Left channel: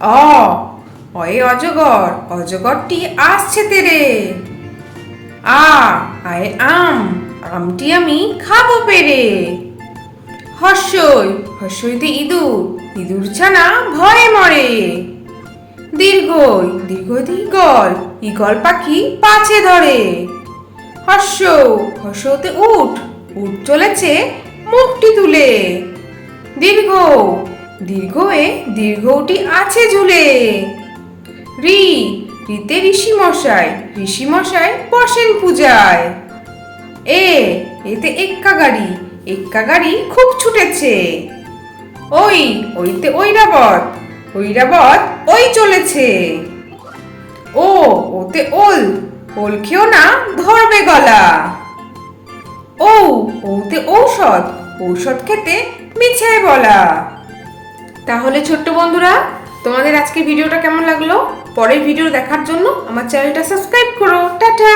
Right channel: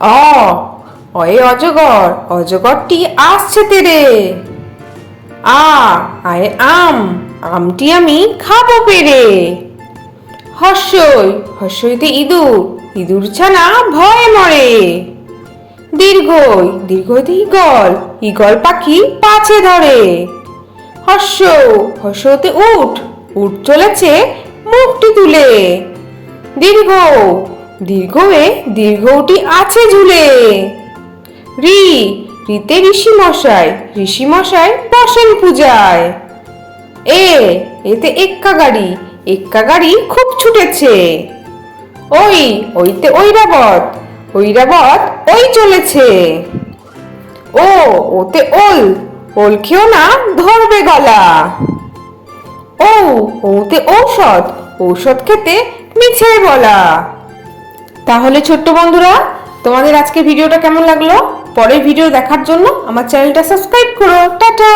অ অয়ে অজগর, অজগরটি আসছে তেরে। আ আয়ে আম, আমটি আমি খাবো পেরে। হর্ষই, হর্ষইতে ইঁদুর, ইঁদুর ছানা ভয়ে মরে। দীর্ঘই, দীর্ঘইতে ঈগল, ঈগল পাখি পাছে ধরে। হর্ষ, হর্ষতে উট, উট চলেছে মুখটি তুলে। দীর্ঘ, দীর্ঘয়ে দীর্ঘটি আছে ঝুলে। ঋ, ঋতে ঋষি মশাই, ঋষি মশাই বসেন পূজায়। এ, এতে এক্কা গাড়ি, এক্কা গাড়ি খুব ছুটেছে। ওই, ওইতে ঐরাবত, ঐরাবত ওই চলেছে। ও, ওতে ওল, ওল খেও না ধরবে গলা। ও, ওতে ঔষধ, ঔষধ খেতে মিছে বলা। তাহলে ছোট্ট বন্ধুরা, তোমাদের আজকে ভিডিওটা কেমন লাগলো? পরের ভিডিও দেখার জন্য আমার চ্যানেলটা সাবস্ক্রাইব করো। টাটা।